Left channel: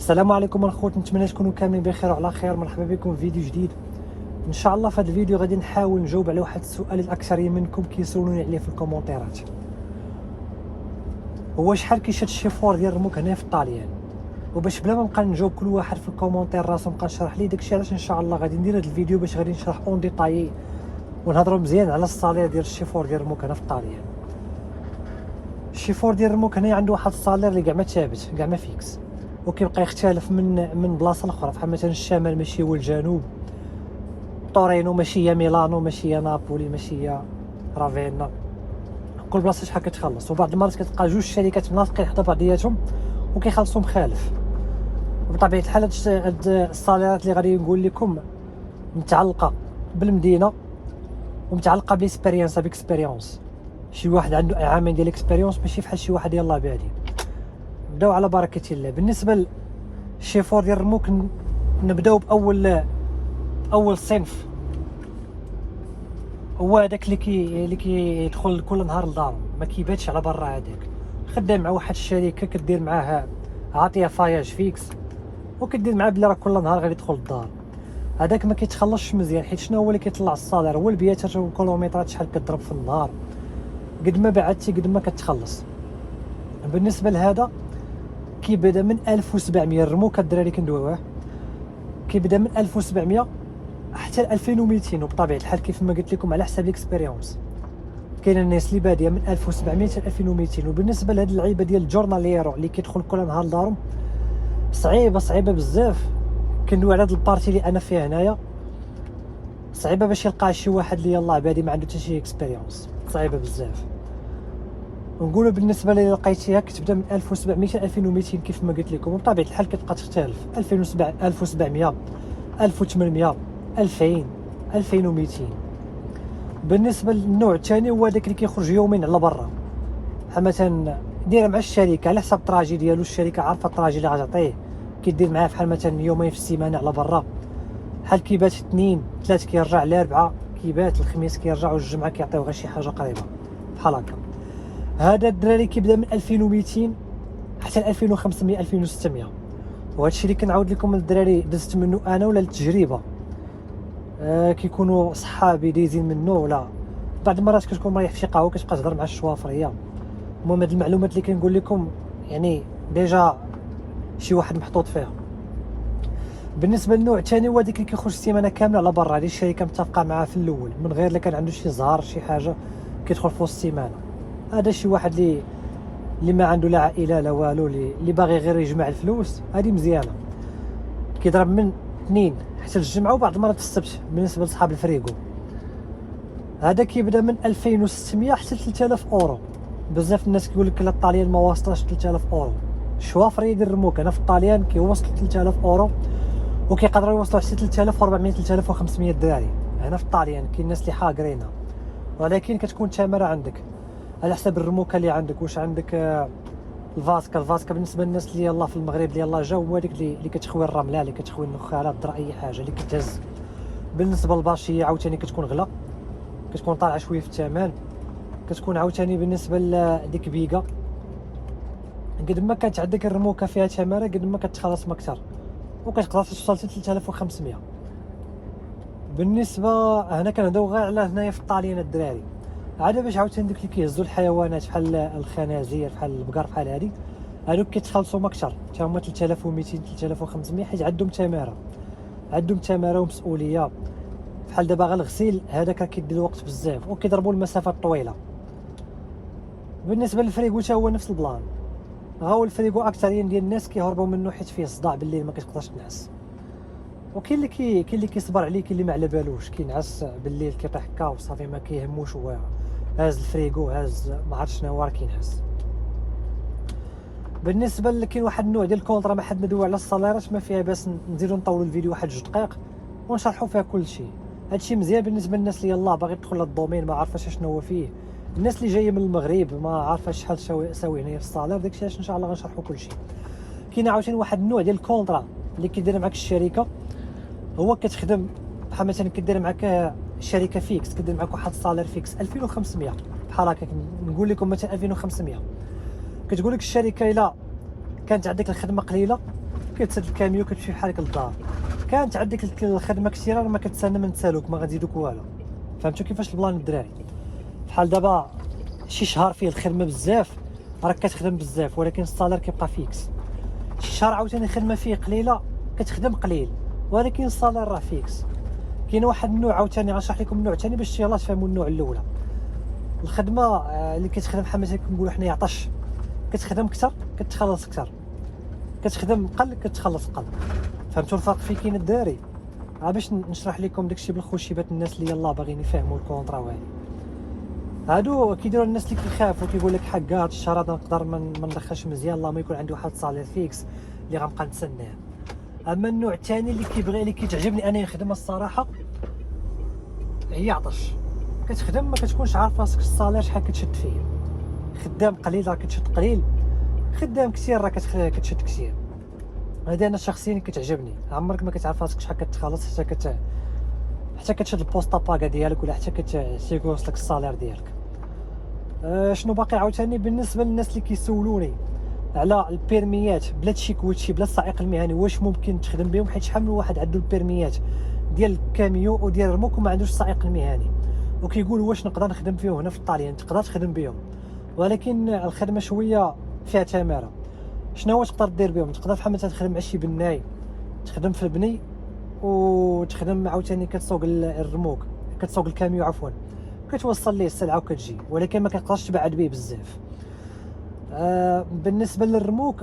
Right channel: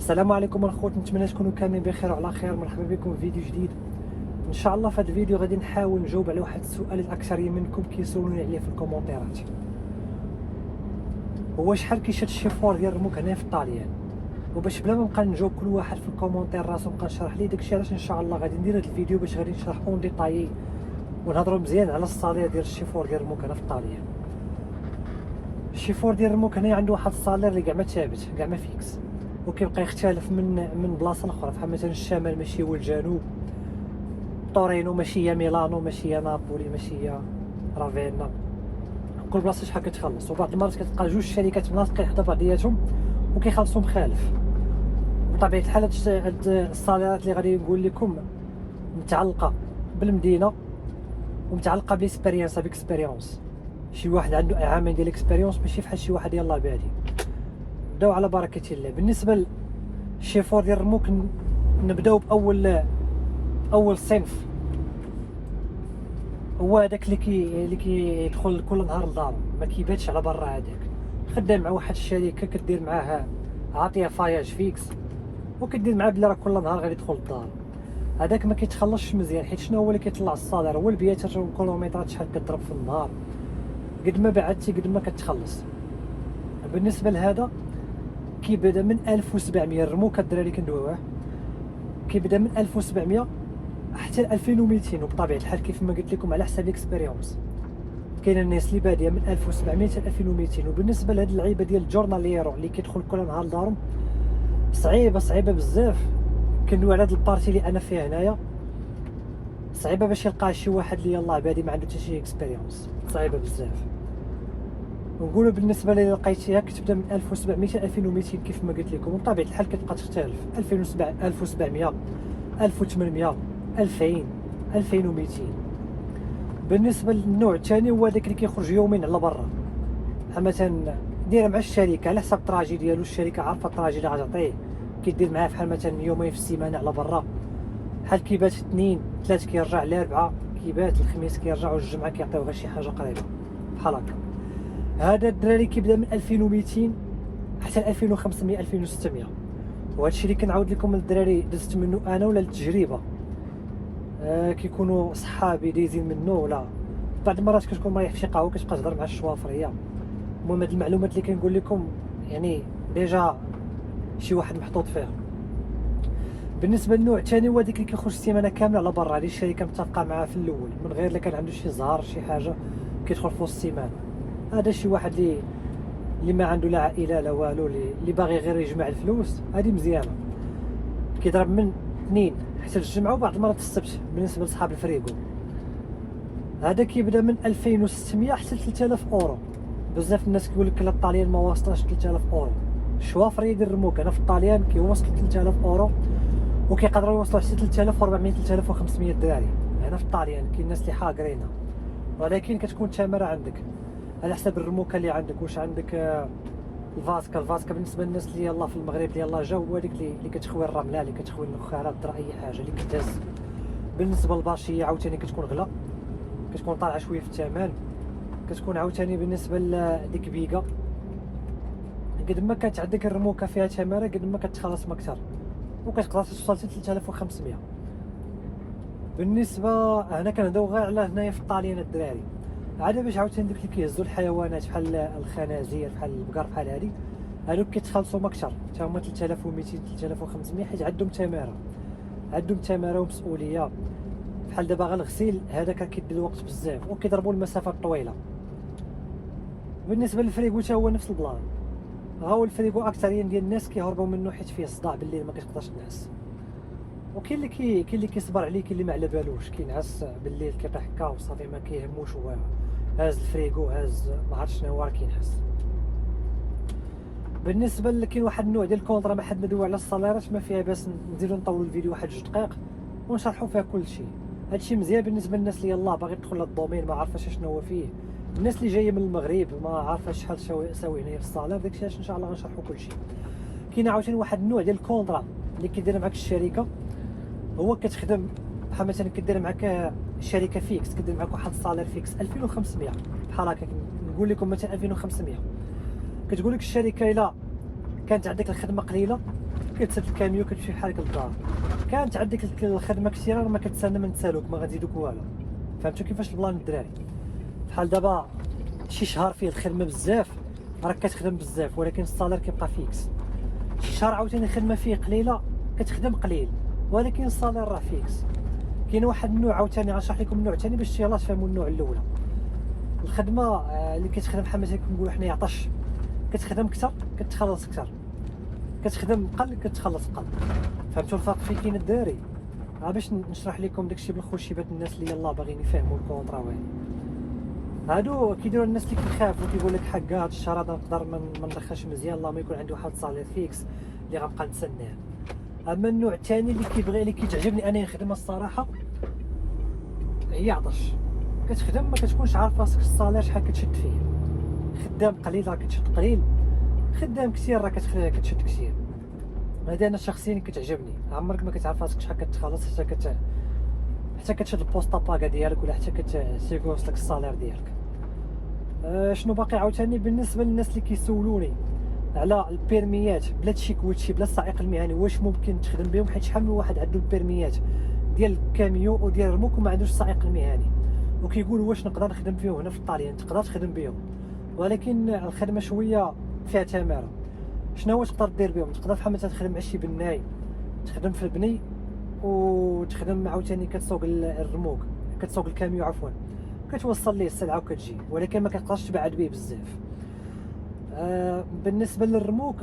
السلام عليكم الخوت، نتمنى تكونوا كاملين بخير وعلى خير. مرحبا بكم في فيديو جديد ان شاء الله. في هذا الفيديو غادي نحاول نجاوب على واحد السؤال اللي الاكثريه منكم كيسولوني عليه في الكومونتيرات، هو شحال كيشاد الشيفور ديال الرموك هنا في الطاليان. وباش بلا ما نبقى نجاوب كل واحد في الكومونتير راسو نبقى نشرح ليه داكشي، علاش ان شاء الله غادي ندير هذا الفيديو باش غادي نشرح اون ديطايي ونهضروا مزيان على الصالير ديال الشيفور ديال الرموك هنا في الطاليان. الشيفور ديال الرموك هنا عنده واحد الصالير اللي كاع ما ثابت، كاع ما فيكس، وكيبقى يختلف من بلاصه لاخرى. بحال مثلا الشمال ماشي هو الجنوب، طورينو ماشي هي ميلانو، ماشي هي نابولي، ماشي هي رافينا، كل بلاصه شحال كتخلص. وبعض المرات كتلقى جوج شركات مناطقين حدا بعضياتهم وكيخلصوا مخالف. وبطبيعه الحال هاد الصاليرات اللي غادي نقول لكم متعلقه بالمدينه ومتعلقه باكسبيريونس. شي واحد عنده عامين ديال اكسبيريونس ماشي بحال شي واحد يلاه بادي. نبداو على بركه الله. بالنسبه للشيفور ديال الرموك نبداو باول صنف، هو هذاك اللي كيدخل كل نهار لدارو، ما كيباتش على برا. هذاك خدام مع واحد الشركه كدير معاه عاطيه فاياج فيكس وكدير معاه بلي راه كل نهار غادي يدخل للدار. هذاك ما كيتخلصش مزيان، حيت شنو هو اللي كيطلع الصالير؟ هو البياتات والكيلومترات شحال كتضرب في النهار، قد ما بعدتي قد ما كتخلص. بالنسبه لهذا كيبدا من 1700 الرموك الدراري كندويوه، كيبدا من 1700 حتى 2200. وبطبيعه الحال كيف ما قلت لكم على حساب الاكسبيريونس، كاين الناس اللي باديه من 1700 حتى 2200. وبالنسبه لهاد اللعيبه ديال الجورناليرو اللي كيدخل كل نهار لدارهم، صعيبه بزاف. كندوي على هاد البارتي اللي انا فيها هنايا، صعيبه باش يلقى شي واحد اللي يلاه بادي ما عنده حتى شي اكسبيريونس، صعيبه بزاف. ونقولوا بالنسبه اللي لقيتيها كتبدا من 1700 حتى 2200 كيف ما قلت لكم. وبطبيعه الحال كتبقى تختلف 1700 1800 2000 2200. بالنسبه للنوع الثاني هو داك اللي كيخرج يومين على برا، بحال مثلا دايره مع الشركه على حساب الطراجي ديالو، الشركه عارفه الطراجي اللي غتعطيه، كيدير معاه بحال مثلا يومين في السيمانه على برا، بحال كيبات اثنين ثلاث كيرجع لاربعه، كيبات الخميس كيرجع، والجمعه كيعطيو غير شي حاجه قريبه بحال هكا. هذا الدراري كيبدا من 2200 حتى 2500 2600. وهذا الشيء اللي كنعاود لكم الدراري دزت منه انا ولا للتجربه، كيكونوا صحابي دايزين منه، ولا بعض المرات كتكون مريح في شي قهوه كتبقى تهضر مع الشوافريه. المهم هاد المعلومات اللي كنقول لكم يعني ديجا شي واحد محطوط فيها. بالنسبه للنوع الثاني هو ديك اللي كيخرج السيمانه كامله على برا، هذه الشركه متفقه معاه في الاول، من غير الا كان عنده شي زهر شي حاجه كيدخل في وسط السيمانه. هذا شي واحد اللي ما عنده لا عائله لا والو، اللي باغي غير يجمع الفلوس، هذه مزيانه. كيضرب من اثنين حتى الجمعه وبعض المرات في السبت. بالنسبه لصحاب الفريغو هذا كيبدا من 2600 حتى 3000 اورو. بزاف الناس كيقول لك لا الطاليان ما واصلاش 3000 اورو. الشوافري ديال الرموك هنا في الطاليان كيوصلوا 3000 اورو، وكيقدروا يوصلوا حتى 3400 3500 دراري هنا في الطاليان. كاين الناس اللي حاقرينها، ولكن كتكون الثمره عندك على حسب الرموكه اللي عندك. واش عندك الفاسكا بالنسبه للناس اللي يلاه في المغرب اللي يلاه جاو، هو ديك اللي كتخوي الرمله، اللي كتخوي النخاله، الدرا، اي حاجه اللي كتهز. بالنسبه للباشيه عاوتاني كتكون غلا، كتكون طالعه شويه في الثمن. كتكون عاوتاني بالنسبه لديك بيكا، قد ما كانت عندك الرموكه فيها ثمره قد ما كتخلص مكثر، وكتقدر توصل حتى 3500. بالنسبه هنا كنهضروا غير على هنايا في الطاليان الدراري. عاد باش عاوتاني دوك اللي كيهزوا الحيوانات بحال الخنازير بحال البقر بحال هادي، هادوك كيتخلصوا مكثر، حتى هما 3200 3500، حيت عندهم ثمره ومسؤوليه. بحال دابا غير الغسيل هذاك كيدي الوقت بزاف، وكيضربوا المسافات طويله. بالنسبه للفريغو حتى هو نفس البلان. ها هو الفريغو اكثرين ديال الناس كيهربوا منه حيت فيه صداع بالليل ما كتقدرش تنعس. وكاين اللي كيصبر عليه، كاين اللي ما على بالوش كينعس بالليل كيطيح هكا وصافي ما كيهموش، هو هاز الفريغو هاز ما عرفت شنو هو راه كينعس. بالنسبه كاين واحد النوع ديال الكونطرا، ما حد ندوي على الصاليرات، ما فيها باس نزيدو نطولوا الفيديو واحد 2 دقائق ونشرحوا فيها كل شيء. هادشي مزيان بالنسبه للناس اللي يلاه باغي تدخل للدومين ما عارفاش شنو هو فيه، الناس اللي جايه من المغرب ما عارفه شحال ساوي هنايا في الصالير، داكشي علاش ان شاء الله غنشرحوا كل شيء. كاين عاوتاني واحد النوع ديال الكونطرا اللي كيدير معاك الشركه، هو كتخدم بحال مثلا كدير معاك الشركه فيكس، كدير معاك واحد الصالير فيكس 2500 بحال هكا. نقول لكم مثلا 2500، كتقول لك الشركه الا كانت عندك الخدمه قليله كتسد الكاميو كتمشي بحالك للدار. كانت عندك الخدمه كثيره ما كتسنى من تسالوك ما غتزيدوك والو. فهمتوا كيفاش البلان الدراري؟ بحال دابا شي شهر فيه الخدمه بزاف راك كتخدم بزاف ولكن الصالير كيبقى فيكس. شي شهر عاوتاني الخدمه فيه قليله كتخدم قليل ولكن الصالير راه فيكس. كاين واحد النوع عاوتاني غنشرح لكم النوع الثاني باش يلاه تفهموا النوع الاولى. الخدمه اللي كتخدم بحال مثلا كنقولوا حنايا عطش، كتخدم كثر كتخلص كثر، كتخدم قل كتخلص قل. فهمتوا الفرق فين كاين الدراري؟ باش نشرح لكم داكشي بالخوشيبات الناس اللي يلاه باغيين يفهموا الكونطرا وهادي. هادو كيديروا الناس اللي كيخافوا كيقول لك حق هاد الشهر هذا نقدر ما ندخلش مزيان الله ما يكون عندي واحد الصالير فيكس اللي غنبقى نتسناه. اما النوع الثاني اللي كيبغي اللي كيتعجبني انا الخدمه الصراحه هي عطش. كتخدم ما كتكونش عارف راسك الصالير شحال كتشد فيه. خدام قليل راه كتشد قليل، خدام كثير راه كتشد كثير. هذا انا شخصيا كتعجبني. عمرك ما كتعرف راسك شحال كتخلص حتى كتشد البوسطا باكا ديالك ولا حتى كتيكوص لك الصالير ديالك. شنو باقي عاوتاني بالنسبه للناس اللي كيسولوني على البيرميات بلا تشيكويتشي بلا السائق المهني واش ممكن تخدم بهم؟ حيت شحال من واحد عنده البيرميات ديال الكاميو وديال الرموك وما عندوش السائق المهني وكيقول واش نقدر نخدم فيهم هنا في الطاليان. تقدر تخدم بهم ولكن الخدمه شويه فيها تماره. شنو تقدر دير بهم؟ تقدر بحال مثلا تخدم مع شي بناي، تخدم في البني وتخدم عاوتاني كتسوق الرموك، كتسوق الكاميو عفوا، كتوصل ليه السلعه وكتجي، ولكن ما كتقدرش تبعد به بزاف. بالنسبه للرموك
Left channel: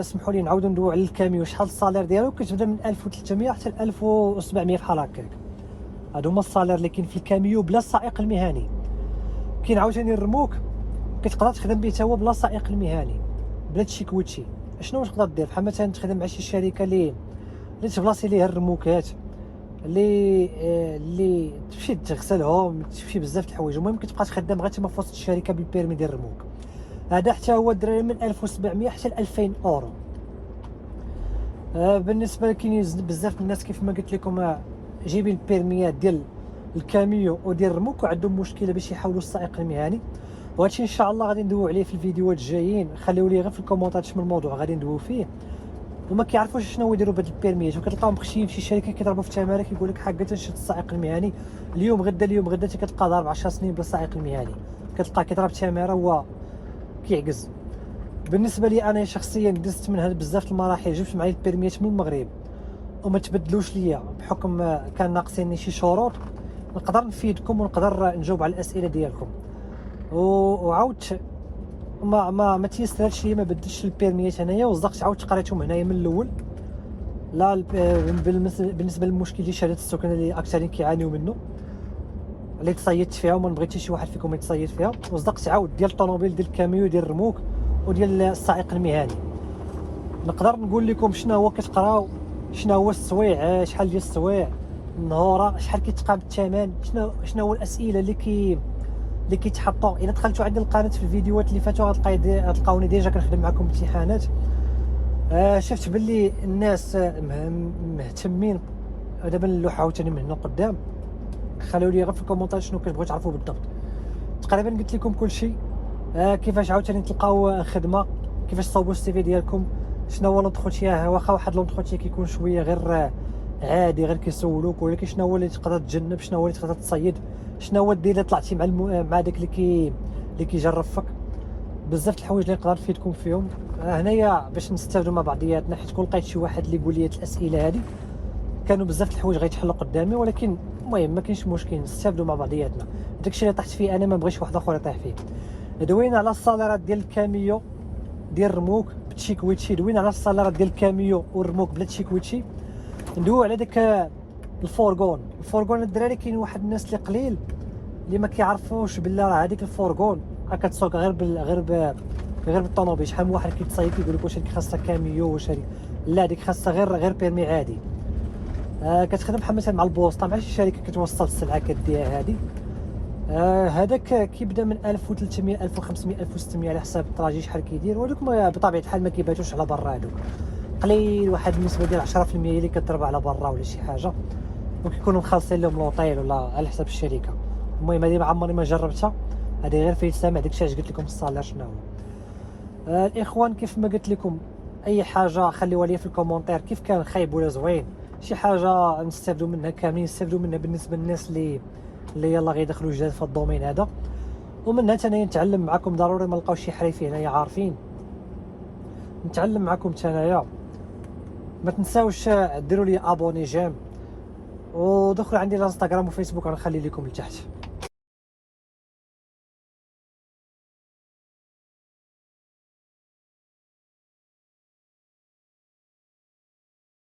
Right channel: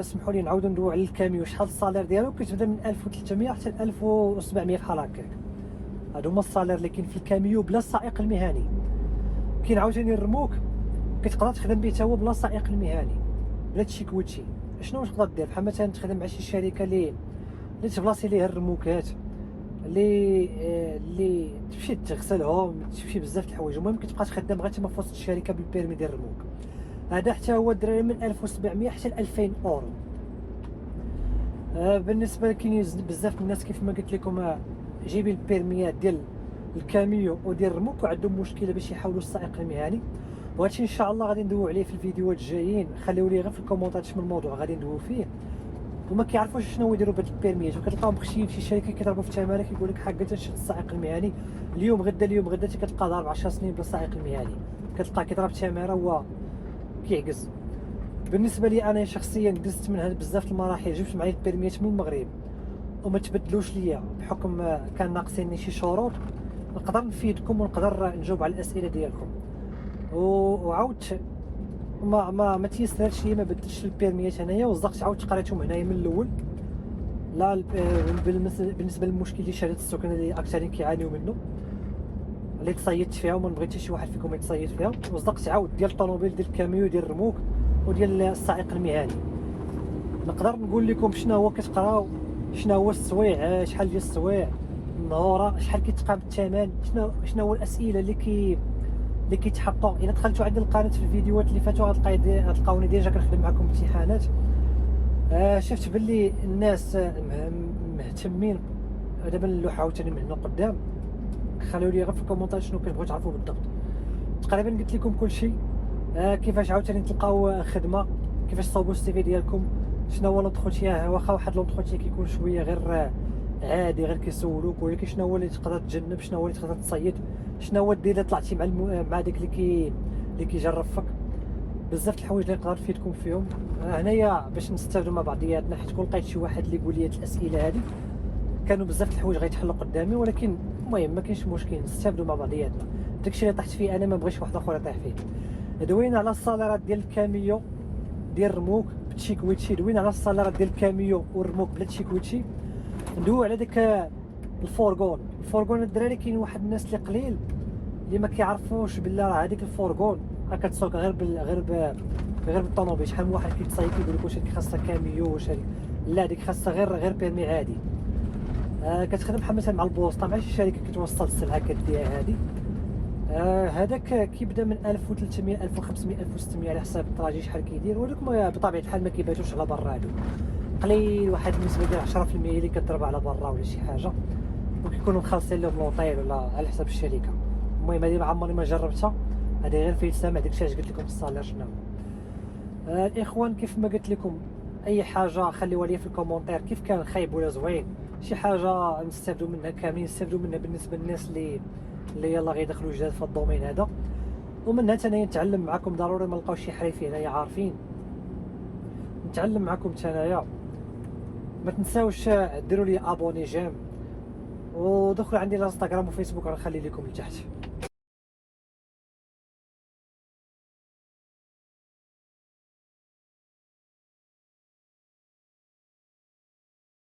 سمحوا لي نعاودوا ندويو على الكاميو. شحال الصالير ديالو؟ كتبدا من 1300 حتى 1700 بحال هكاك. هادو هما الصالير اللي كاين في الكاميو بلا السائق المهني. كاين عاوتاني الرموك كتقدر تخدم به تا هو بلا السائق المهني بلا تشيكويتشي. شنو تقدر دير؟ بحال مثلا تخدم مع شي شركه اللي تبلاصي ليها الرموكات اللي تمشي تغسلهم، تمشي بزاف د الحوايج. المهم كتبقى تخدم غير تما في وسط الشركه بالبيرمي ديال الرموك. هذا حتى هو الدراري من 1700 حتى ل 2000 اورو. بالنسبه كاين بزاف الناس كيف ما قلت لكم جايبين البيرميات ديال الكاميو وديال الرموك وعندهم مشكله باش يحاولوا السائق المهني، وهادشي ان شاء الله غادي ندويو عليه في الفيديوهات الجايين. خليو لي غير في الكومونتات شنو الموضوع غادي ندويو فيه. وما كيعرفوش شنو يديروا بهاد البيرميات وكتلقاهم مخشيين في شي شركه كيضربوا في التماره كيقول لك حقا تنشد السائق المهني اليوم غدا حتى كتلقى ضارب 10 سنين بلا السائق المهني، كتلقاه كيضرب التماره هو كيعجز. بالنسبه لي انا شخصيا دزت من هاد بزاف المراحل، جبت معايا البيرميات من المغرب وما تبدلوش ليا بحكم كان ناقصيني شي شروط. نقدر نفيدكم ونقدر نجاوب على الاسئله ديالكم. وعاودت ما تيسرش لي، ما بدلتش البيرميات هنايا وصدقت عاودت قريتهم هنايا من الاول. لا بالنسبه للمشكل ديال شهاده السكن اللي اكثرين كيعانيو منه اللي تصيدت فيها وما نبغي حتى شي واحد فيكم يتصيد فيها، وصدقت عاود ديال الطوموبيل ديال الكاميو ديال الرموك وديال السائق المهني. نقدر نقول لكم شنو هو كتقراو، شنو هو السويع، شحال ديال السويع النهوره، شحال كيتقام الثمن، شنو هو الاسئله اللي كيتحطوا. الا دخلتوا عند القناه في الفيديوهات اللي فاتوا غتلقاوني ديجا كنخدم معكم امتحانات. شفت باللي الناس مهتمين. دابا نلوح عاوتاني من هنا قدام. خليو لي غير في الكومونتات شنو كتبغيو تعرفوا بالضبط. تقريبا قلت لكم كل شيء. كيفاش عاوتاني تلقاو خدمه، كيفاش تصاوبوا السي في ديالكم، شنو هو لونتروتيا. واخا واحد لونتروتيا كيكون شويه غير عادي غير كيسولوك، ولكن شنو هو اللي تقدر تجنب، شنو هو اللي تقدر تصيد، شنو هو دير الا طلعتي مع داك اللي كيجرب فيك. بزاف د الحوايج اللي نقدر نفيدكم فيهم هنايا باش نستافدوا مع بعضياتنا. حيت كون لقيت شي واحد اللي يقول لي الاسئله هذه كانوا بزاف د الحوايج غيتحلوا قدامي، ولكن المهم ما كاينش مشكل نستافدوا مع بعضياتنا. داكشي اللي طحت فيه انا ما بغيتش واحد اخر يطيح فيه. دوينا على الصاليرات ديال الكاميو ديال الرموك بتشيكويتشي، دوينا على الصاليرات ديال الكاميو والرموك بلا تشيكويتشي. ندويو على داك الفورغون الدراري. كاين واحد الناس اللي قليل اللي ما كيعرفوش بالله راه هذيك الفورغون كتسوق غير بالطوموبيل. شحال من واحد كيتصايب كيقول لك واش هذيك خاصها كاميو واش هذيك، لا هذيك خاصها غير بيرمي عادي. كتخدم بحال مثلا مع البوسطه مع شي شركه كتوصل السلعه كديها هذه. هذاك كيبدا من 1300 1500 1600 على حساب الطراجي شحال كيدير، ولكن بطبيعه الحال ما كيباتوش على برا. هادو قليل واحد النسبه ديال 10% اللي كتضرب على برا ولا شي حاجه، وكيكونوا مخلصين لهم لوطيل ولا على حساب الشركه. المهم هذه ما عمري ما جربتها، هذه غير في السامع. داكشي علاش قلت لكم الصالير شنو هو. الاخوان كيف ما قلت لكم اي حاجه خليوها لي في الكومونتير، كيف كان خايب ولا زوين، شي حاجه نستافدوا منها كاملين، نستافدوا منها بالنسبه للناس اللي يلا غيدخلوا جداد في الدومين هذا. ومنها تانيا نتعلم معكم، ضروري ما نلقاوش شي حريفي هنايا عارفين، نتعلم معكم تانايا. ما تنساوش ديروا لي ابوني جيم، ودخلوا عندي الانستغرام وفيسبوك غنخلي لكم لتحت.